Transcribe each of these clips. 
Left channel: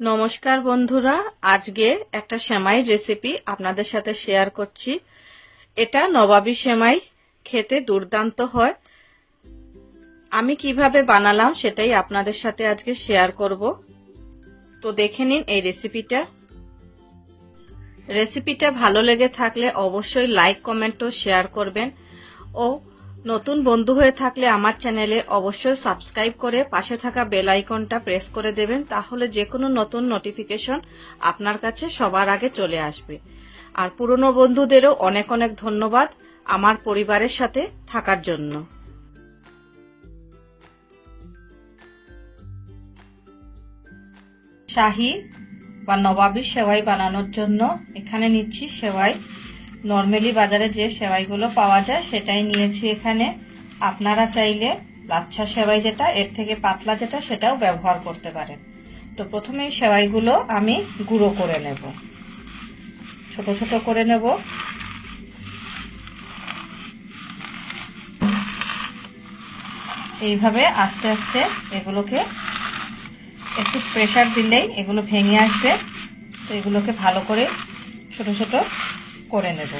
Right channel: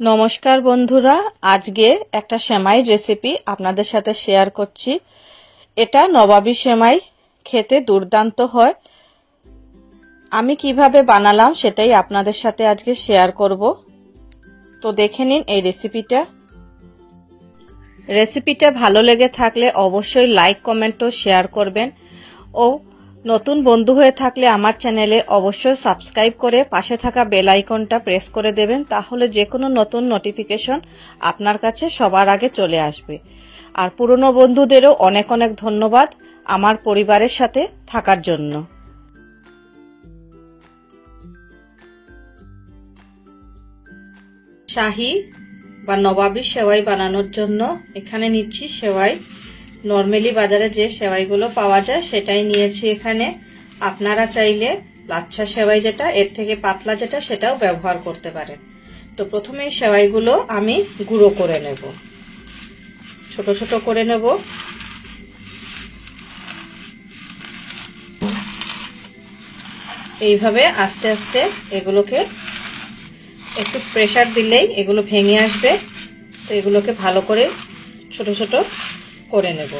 নমস্কার বন্ধুরা, আজকে একটা সেমাইয়ের রেসিপি আপনাদের সাথে শেয়ার করছি। এটা নবাবী সেমাই, খেতে দুর্দান্ত হয়। আমি কিভাবে বানালাম সেটাই আপনাদের সাথে আজকে শেয়ার করব। তো দেখে নিন এই রেসিপিটা ভালো লেগে থাকলে অবশ্যই লাইক, কমেন্ট ও শেয়ার করবেন। ও নতুন বন্ধু হয়ে থাকলে আমার চ্যানেলে অবশ্যই সাবস্ক্রাইব করে পাশে থাকা বেল আইকনটা প্রেস করে দেবেন, তাহলে যে কোনো নতুন নোটিফিকেশন আপনার কাছে সবার আগে চলে আসবে। আর পুরনো বন্ধুদেরও অনেক অনেক ধন্যবাদ আমার পরিবারের সাথে থাকার জন্য। শাহী বা নবাবী সেমাই বানানোর জন্য এখানে নিচ্ছি সেমাই। নরমালি বাজারে যে সেমাইগুলো পাওয়া যায় সেটাই নিয়েছি এখানে। আপনারা চাইলে লাচ্ছা সেমাই যেটা, এর থেকে পাতলা যেটা, সেটাও ব্যবহার করতে পারেন। তো প্রথমে এই সেমাইগুলো আমি গুঁড়ো করে নেব, ছোট ছোট করে নেব। এইভাবে আস্তে আস্তে এগুলোকে একটু প্রেসার দিলেই এগুলো ভেঙে আসবে। তো এগুলোকে ভালো করে ছোট ছোট করে নেব।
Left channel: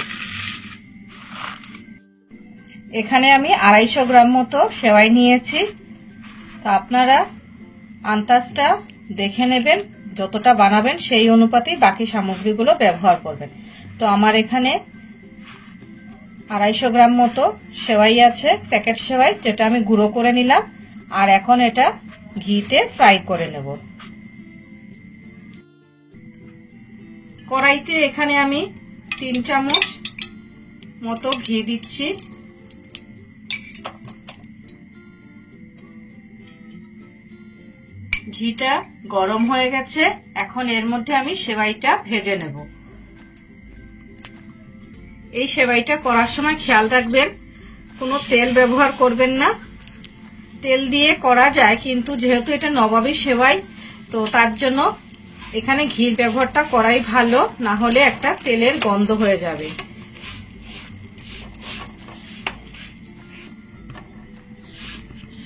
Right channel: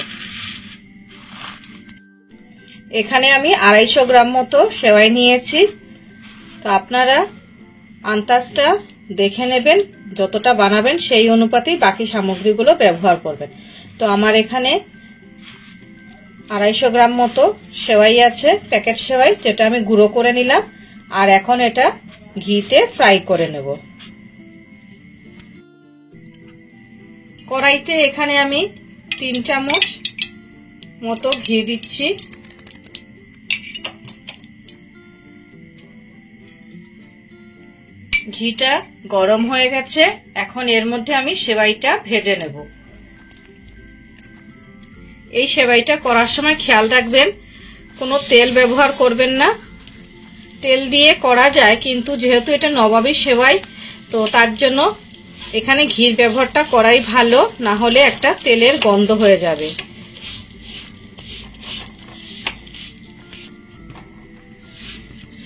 এখানে আমি 250 গ্রাম মতো সেমাই নিয়েছি। তো আপনারা আন্দাজটা দেখে নেবেন, যতটা বানাবেন সেই অনুপাতেই বাকি সামগ্রীগুলো ব্যবহার করবেন। তো আমার এখানে 250 গ্রাম মতো সেমাই আছে, প্যাকেট সেমাই, যেটা আমি গুঁড়ো করে নিলাম। আর এখন এটা ঘিতে ফ্রাই করে নেব। কড়াইতে এখানে আমি 3 চামচ মতো ঘি দিচ্ছি। ঘিটা গরম হয়ে গেছে, এখন এর মধ্যে আমি সেমাইটা ভেজে নেব। এই সেমাইটা করার সময় খেয়াল রাখবেন কোনো তেল ব্যবহার করবেন না। তেল দিয়ে করা যায়, কিন্তু যেহেতু এটা নবাবী সেমাই, তো তার জন্য এখানে ঘির ব্যবহারটা করাই ভালো, না হলে একটা তেলের গন্ধ হয়ে যাবে।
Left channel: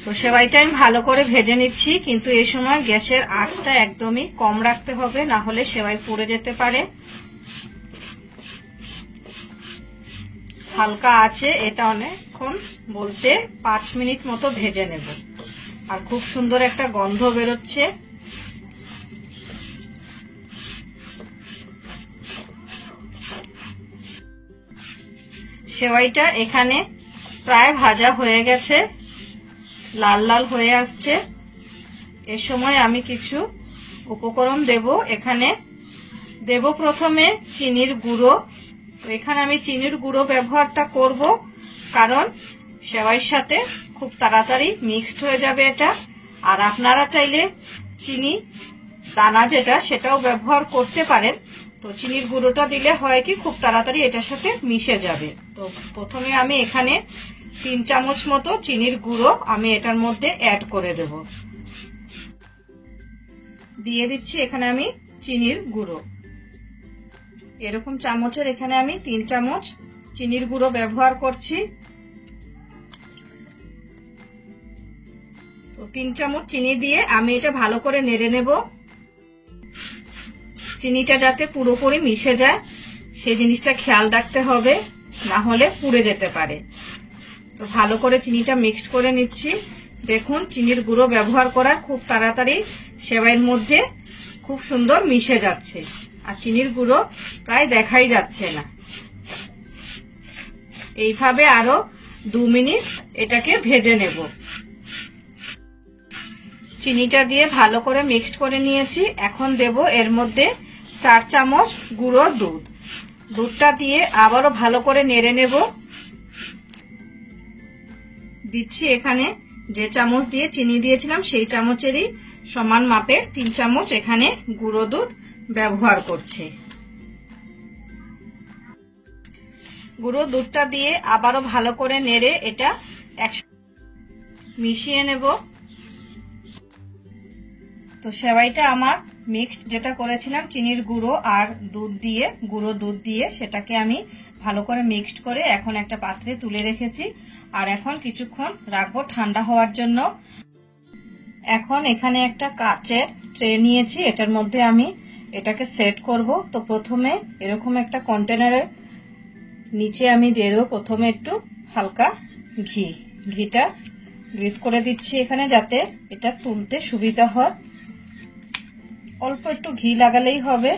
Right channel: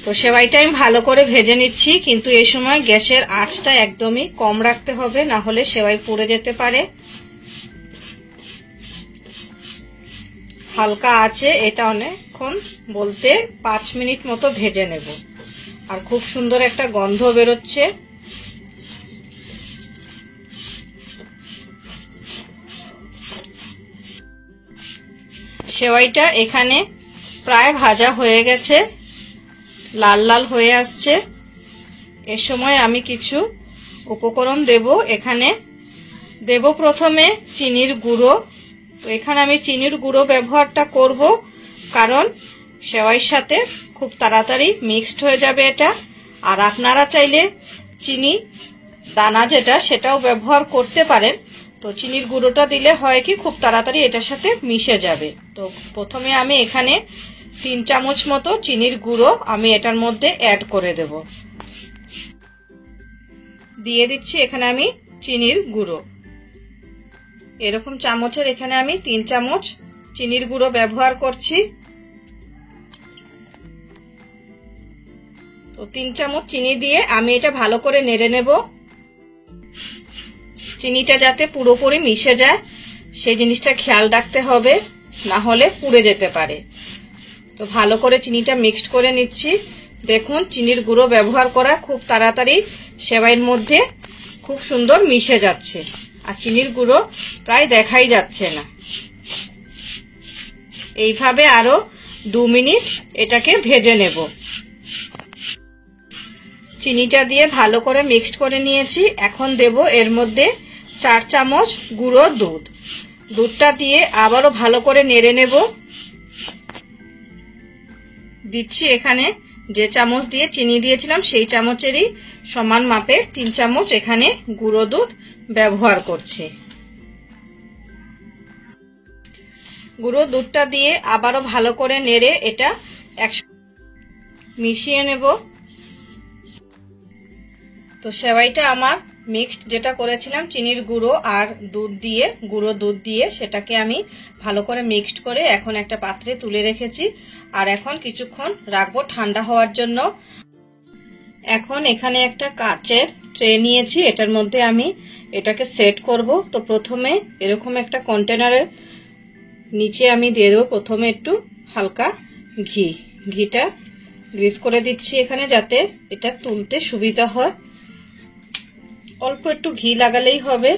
তো সেমাইটা আমি ভালো করে ভেজে নিচ্ছি, কিন্তু এই সময় গ্যাসের আঁচটা একদমই কম রাখতে হবে, না হলে সেমাই পুড়ে যেতে পারে। হালকা আছে এটা অনেকক্ষণ বলতে 5 মিনিট মতো ভেজে নেব। আর খুব সুন্দর একটা গন্ধ বেরোচ্ছে। সেমাইটা এখানে প্রায় ভাজা হয়ে গেছে, লাল লাল হয়ে আসছে। এর সময় আমি কিছু উপকরণ দেব। এখানে দেব প্রথমে চিনির গুঁড়ো। তো এখানে আমি চিনির গুঁড়ো ব্যবহারটা করব, কারণ সেমাইয়ের সাথে খুব তাড়াতাড়ি মিক্সড হয়ে যাবে এটা। আর আপনারা চাইলে চিনি দানা যেটা, সেটাও ব্যবহার করতে পারেন। তো চিনির গুঁড়োটা দিলে হয় কি, খুব তাড়াতাড়ি এটার সাথে মিশে যাবে। তো প্রথমে আমি এখানে 3 চামচ মতো চিনির গুঁড়ো আমি এটার মধ্যে অ্যাড করে দেব। দিয়ে দিচ্ছি এখানে আমি চিনির গুঁড়ো। এরকম চামচের এখানে আমি 3 চামচ চিনির গুঁড়ো ব্যবহার করছি। তো 3 চামচ চিনি দিয়ে আমি এটা ভালো করে নেড়ে নেব। চিনিটা যাতে পুরোপুরি মিশে যায় সেই জিনিসটা খেয়াল রাখতে হবে, না হলে পুড়ে যেতে পারে। তো ভালো করে চিনিটা মিক্সড করে নিচ্ছি। দেখুন চিনির গুঁড়ো ব্যবহার করা খুব তাড়াতাড়ি সেমাইয়ের মধ্যে খুব সুন্দর মিশে যাচ্ছে, আর চিনির গুঁড়ো প্রায় দেখাই যাচ্ছে না। এইভাবে আরো 2 মিনিট এটাকে ভেজে নেব। চিনিটা দিয়ে ভালো করে মিক্সড করে নিয়েছি। এখন দেব এর মধ্যে 4 চামচ গুঁড়ো দুধ। দুধটা দিয়ে আবারও ভালো করে নেড়ে নেব। দিচ্ছি এখানে যে চামচ দিয়ে চিনি দিয়েছিলাম সেই চামচেরই সমান মাপের 3 চামচ এখানে গুঁড়ো দুধ ব্যবহার করছি। গুঁড়ো দুধটা দিয়ে আবারও ভালো করে নেড়ে এটা মিশিয়ে নেব। তো সেমাইটা আমার মিক্সড যেটা করেছিলাম চিনির গুঁড়ো আর দুধ দিয়ে, গুঁড়ো দুধ দিয়ে, সেটাকে আমি ভালো করে মিক্সড করে এখন একটা পাত্রে তুলে রেখেছি। আর এখন কিছুক্ষণ রাখবো ঠান্ডা হওয়ার জন্য। এখন এখানে একটা কাচের ট্রে নিয়েছি, এটার মধ্যে আমি এটাকে সেট করব। তো প্রথমে এরকম একটা কন্টেনারের নিচে আমি দিয়ে দেবো প্রথমে একটু হালকা ঘিটা গ্রিস করে দিচ্ছি এখানে, যাতে এটা তুলতে সুবিধা হয়। অল্প একটু ঘি লাগালেই হবে।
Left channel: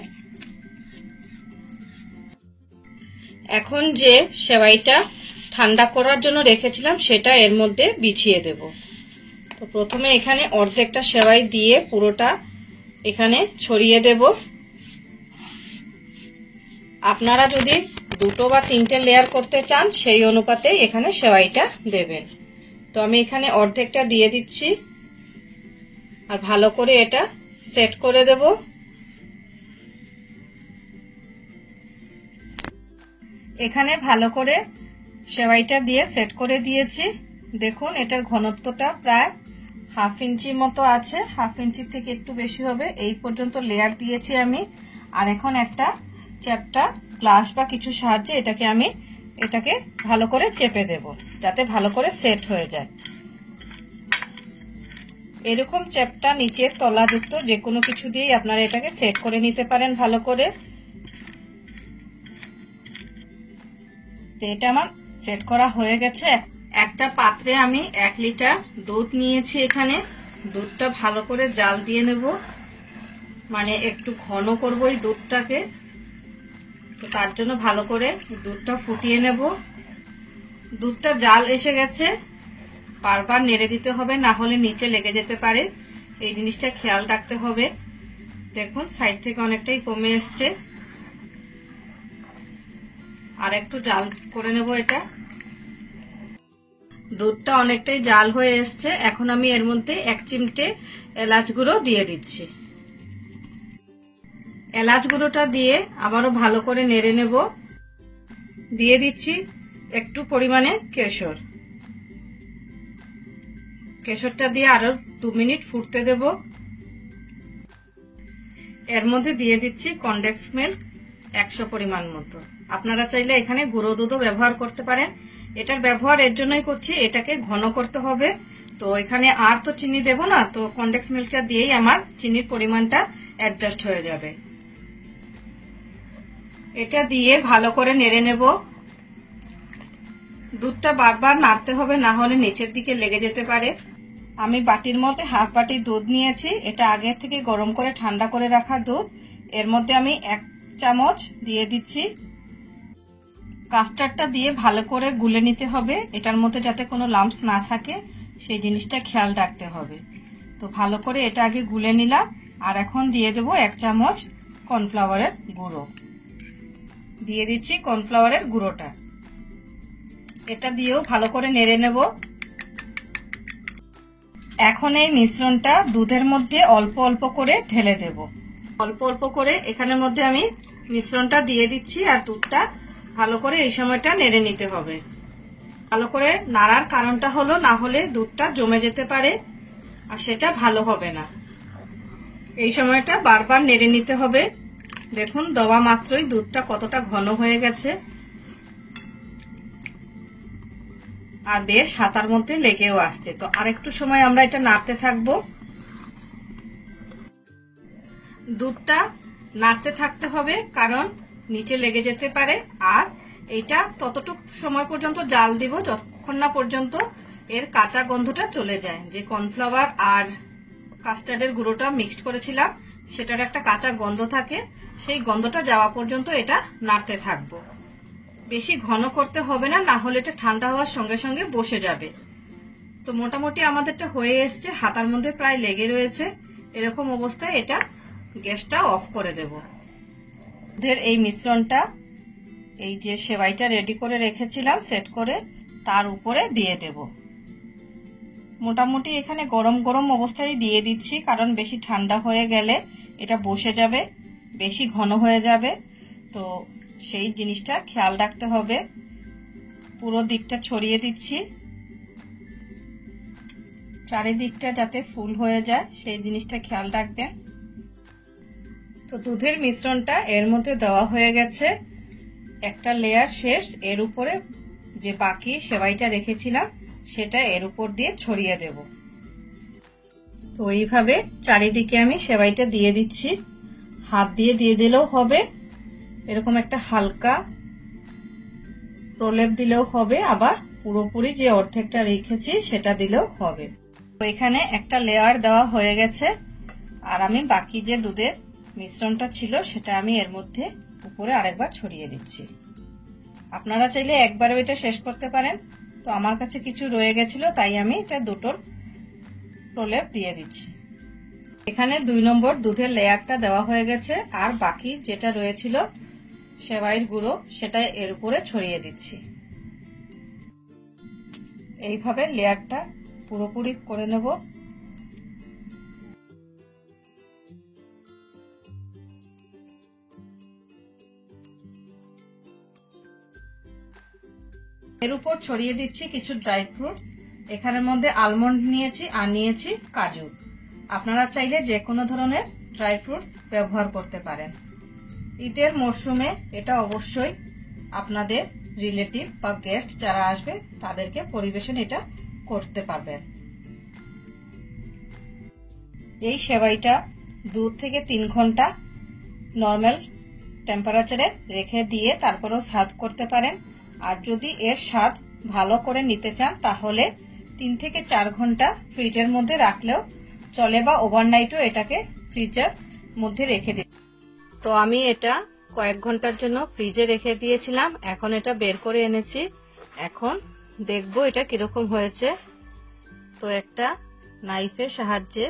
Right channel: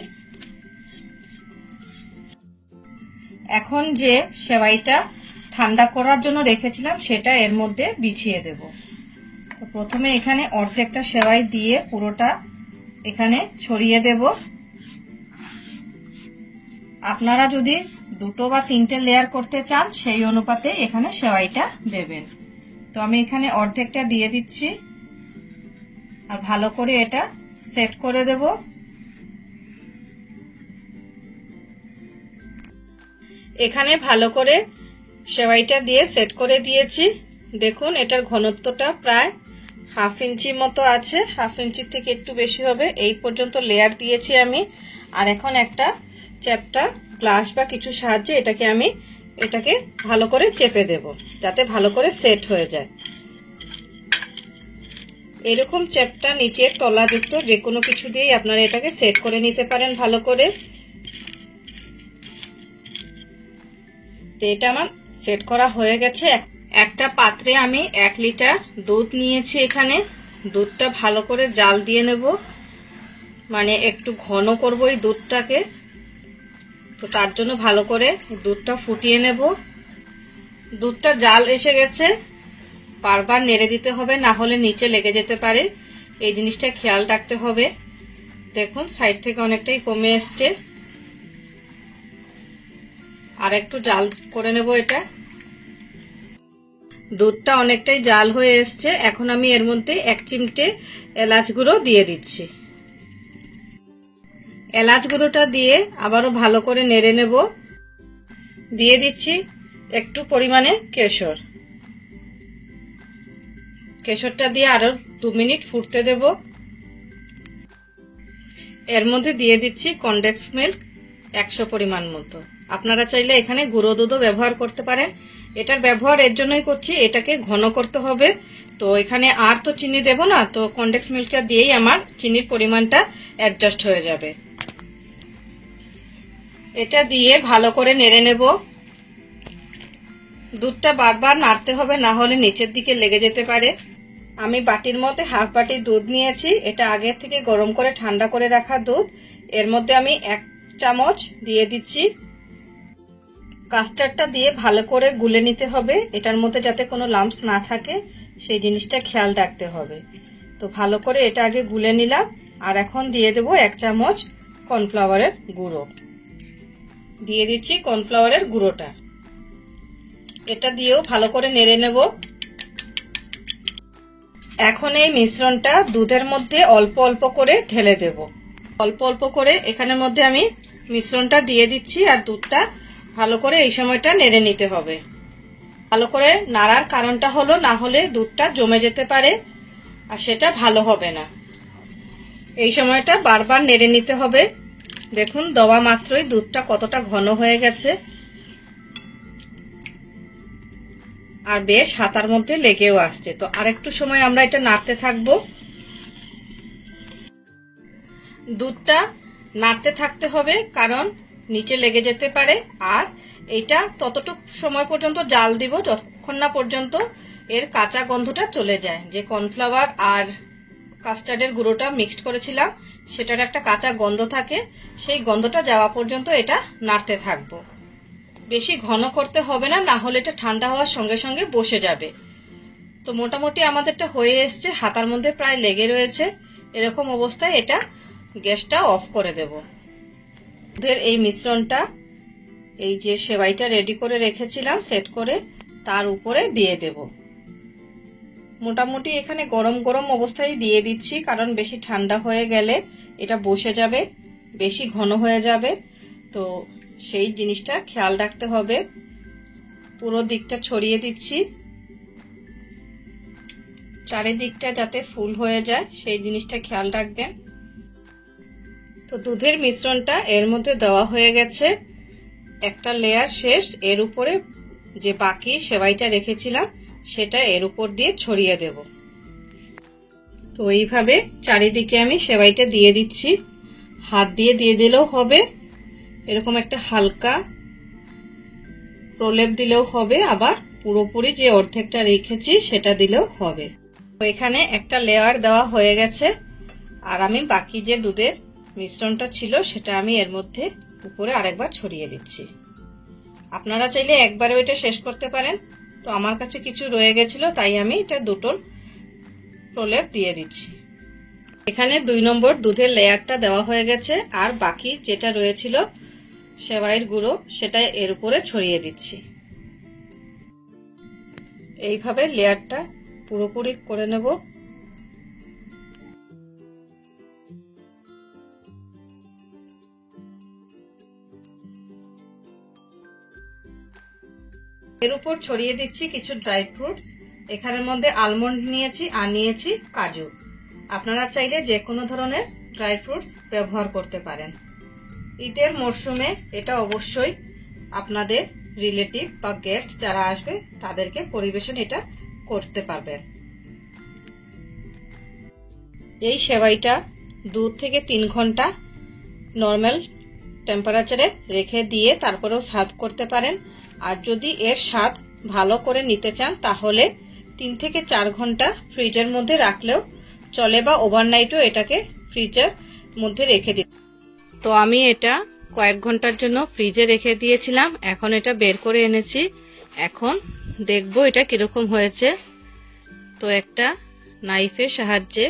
এখন যে সেমাইটা ঠান্ডা করার জন্য রেখেছিলাম সেটা এর মধ্যে বিছিয়ে দেব। তো প্রথমে এখানে অর্ধেকটা সেমাই দিয়ে পুরোটা এখানে ছড়িয়ে দেব। আপনারা যদি 2 বা 3টে লেয়ার করতে চান সেই অনুপাতে এখানে সেমাইটা দেবেন। তো আমি এখানে অর্ধেকটা দিয়ে দিচ্ছি আর ভালো করে এটা সেট করে দেব। এখানে ভালো করে সেমাইটা দিয়ে সেট করে দিয়েছি। দেখুন এটার ঘনত্বটা প্রায় 1/2 ইঞ্চি মতো আছে, 1/2 ইঞ্চির থেকে একটু বেশি হবে। এই পর্যন্ত লেয়ার দিয়েছি আমি। আর এখন একটা চ্যাপটা গ্লাস বা কিছু সাহায্যে এটাকে ভালো করে চেপে দেব, যাতে ভালো করে সেট হয়ে যায়। এরকম চ্যাপটা নিচের তলাযুক্ত যে কোনো কিছু দিয়েই আপনারা এটাকে সেট করে নিতে পারেন ভালো করে। তো এটা আমার সেট করা হয়ে গেছে। একটা পাত্রে আমি 1 লিটার দুধ নিয়েছি। এখানে দুধটা ভালো করে জাল দিয়ে নেব, মানে একটু ঘন করব এই দুধটাকে। তো তার জন্য ভালো করে দুধটা ফুটিয়ে নেব। দুধটা জাল এসে গেছে, বারবার নেড়ে দিতে হবে, না হলে নিচে লেগে যেতে পারে। এই জিনিসটা খেয়াল রাখতে হবে। দেখুন সাইড থেকে অনেকটাই কমে এসছে। আর একটু জাল করে নেব এটা। দুধটা অনেকটাই জাল হয়ে এসছে। এখন আমি এর মধ্যে 1 চিমটে এলাচ গুঁড়ো দিয়ে দিচ্ছি। এলাচ গুঁড়োটা দিয়ে আবারও ভালো করে নেড়ে নেব। দিয়ে দিচ্ছি একটু পরিমাণে কেশর। কেশরটা দিয়ে আরো 2 মিনিট ফুটতে দেব। এর মধ্যে দিয়ে দিচ্ছি কনডেন্স মিল্ক 100 পরিমাণ মতো। আপনারা চাইলে এখানে গুঁড়ো দুধও ব্যবহার করতে পারেন। এটার ব্যবহার এর জন্যই করছি, এটাকে ঘন করতে হবে। তো এখানে আর তো চিনি দেব না, তো কনডেন্স মিল্কটা দিয়েই আমার চিনির পরিমাণটা অ্যাডজাস্ট হয়ে যাবে। এটা দিয়ে ভালো করে নেড়ে নেব। দুধটা বারবার নাড়তে হবে, না হলে নিচের দিকে লেগে যেতে পারে। আমি বাটির মধ্যে 1/2 বাটি দুধ নিয়েছি। এটা আগে থেকে গরম করে ঠান্ডা করে রাখা দুধ। এর মধ্যে আমি 1 চামচ দিয়ে দিচ্ছি। কাস্টার্ডটা দিয়ে ভালো করে গুলে নিতে হবে, এটার মধ্যে যাতে কোনো লাম্পস না থাকে সেই জিনিসটা খেয়াল রাখতে হবে। তো ভালো করে এটা আগে গুলে নিলাম। আর এখন দিয়ে দেব 1 চামচ কর্নফ্লাওয়ারের গুঁড়ো। দিয়ে দিচ্ছি কর্নফ্লাওয়ারের গুঁড়োটা। এটা দিয়েও ভালো করে নেড়ে নেব। এখন এই মিশ্রণটা দুধের মধ্যে অল্প অল্প করে ঢেলে দেব। অল্প অল্প করে এখানের মধ্যে আমি মিশ্রণটা দিয়ে দিচ্ছি। আর দুধটা ভালো করে এই সময়টা নেড়ে নিতে হবে। ভালো করে নাড়ার কারণটা হলো, না হলে দুধটা জমে যেতে পারে আর সেটা ভালো হবে না। এই সময়টা বারবার নেড়ে নিতে হবে। দেখুন দেওয়া মাত্রই দুধটা কতটা ঘন হয়ে গেছে আর বেশ হাতার মধ্যে লেগেও আসছে। তো আরেকটু সময় আমরা এটা নাড়তে থাকবো। দুধটা নাড়তে থাকতে হবে, কারণ নিচে লেগে যেতে পারে। আর এইটা ততটুকু সময় পর্যন্ত জাল দিব যতক্ষণ না পর্যন্ত এর কাঁচা গন্ধটা চলে যায়। যে কর্নফ্লাওয়ার আর কাস্টার্ডের গুঁড়োটা মিক্সড করেছিলাম সেটার একটা কাঁচা গন্ধ থাকে, সেই গন্ধটা যাওয়া পর্যন্ত এটা নাড়তে থাকবো। বেশি ঘন করতে হবে না, না হলে এটা ঠান্ডা হওয়ার সঙ্গে সঙ্গে বসে যাবে। তো মোটামুটি আমাদেরটা হয়ে এসছে, হাতার মধ্যে প্রায় লেগে রয়েছে। এরকম অবস্থায় এটা গ্যাসটা অফ করে দেব। দুধের এই মিশ্রণটা এই যে সেমাইটা রেডি করে রেখেছিলাম সেট করে তার উপরে দিয়ে দেব। মোটামুটি এখানে গরম গরম অবস্থায় দিয়ে দিচ্ছি, কারণ বেশি ঠান্ডা হয়ে গেলে এটা বসে যাবে, বেশি ঘন হয়ে যাবে। তো সেই জিনিসটা খেয়াল রাখতে হবে। পুরো দিকটা ছড়িয়ে দিচ্ছি, চারিদিকটা যাতে ফুল হয়ে যায় সেই জিনিসটা খেয়াল রাখবেন। তো দুধের মিশ্রণটা এর মধ্যে দেওয়া হয়ে গেছে। একটা লেয়ার শেষ। এর উপরে যে বাকি সেমাইটা রেখেছিলাম সেটা এর উপর দিয়ে ছড়িয়ে দেব। তো এইভাবে চারিদিকে আমি সেমাইটা দিয়ে দিচ্ছি। হাত দিয়ে দিলেও হবে, এরকম একটা হালকা প্রলেপ দিলেও হবে, আবার পুরোপুরি যে অর্ধেকটা রেখেছি সেটা দিলেও হবে। তো এখানে একটা লেয়ার দেওয়া হয়ে গেছে, আর আমি বাকি যে দুধের মিশ্রণটা ছিল সেটা আমি এর মধ্যে উপরে আরেকবার ছড়িয়ে দিচ্ছি। আপনারা চাইলে একবারে এটা শেষ করতে পারেন, তো আমার কাছে কিছু রয়ে গেছিল তাই আমি এটা দুটো প্রলেপ দিয়ে দিচ্ছি। এখানে 2 নম্বর দুধের লেয়ারটা দেওয়া হয়ে গেছে, আর বাকি যেটা রয়েছিল সেমাইয়ের গুঁড়ো সেটা এর উপরে ছড়িয়ে দিচ্ছি। এইভাবে লেয়ারটা পুরোপুরি করে নেব। এর উপর ছড়িয়ে দিচ্ছি কিছু ড্রাই ফ্রুটস। এখানের মধ্যে আলমন্ড নিয়েছি আর নিয়েছি কাজু। আপনারা চাইলে যে কোনো ধরনের ড্রাই ফ্রুটস ব্যবহার করতে পারেন। ঈদের মরশুমে এটা অবশ্যই আপনাদের রিলেটিভ বা গেস্ট যারা আসবে তাদেরকে পরিবেশন এটা করতে পারবেন। এই সেমাইটা 2 থেকে 3 ঘন্টা নর্মাল টেম্পারেচারে রেখে দিয়ে তারপরেও সার্ভ করতে পারেন। আর যদি এর স্বাদ ভালো করে নিতে চান তাহলে 3 থেকে 4 ঘন্টা ফ্রিজের মধ্যে রাখলেও চলে, বা ওভারনাইটও এটাকে ফ্রিজের মধ্যে রেখে দিতে। তো আমি এটা কয়েক ঘন্টার জন্য ফ্রিজে রেখে দিয়েছিলাম, এখন এটা বের করে এনেছি। এখন দেখব এটা কিরকম হয়েছে। তো একটা নাইফের সাহায্যে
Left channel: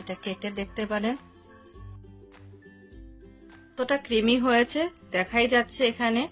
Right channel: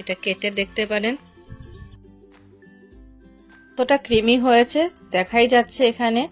এটা কেটে দেখতে পারেন। কতটা ক্রিমি হয়েছে দেখাই যাচ্ছে এখানে।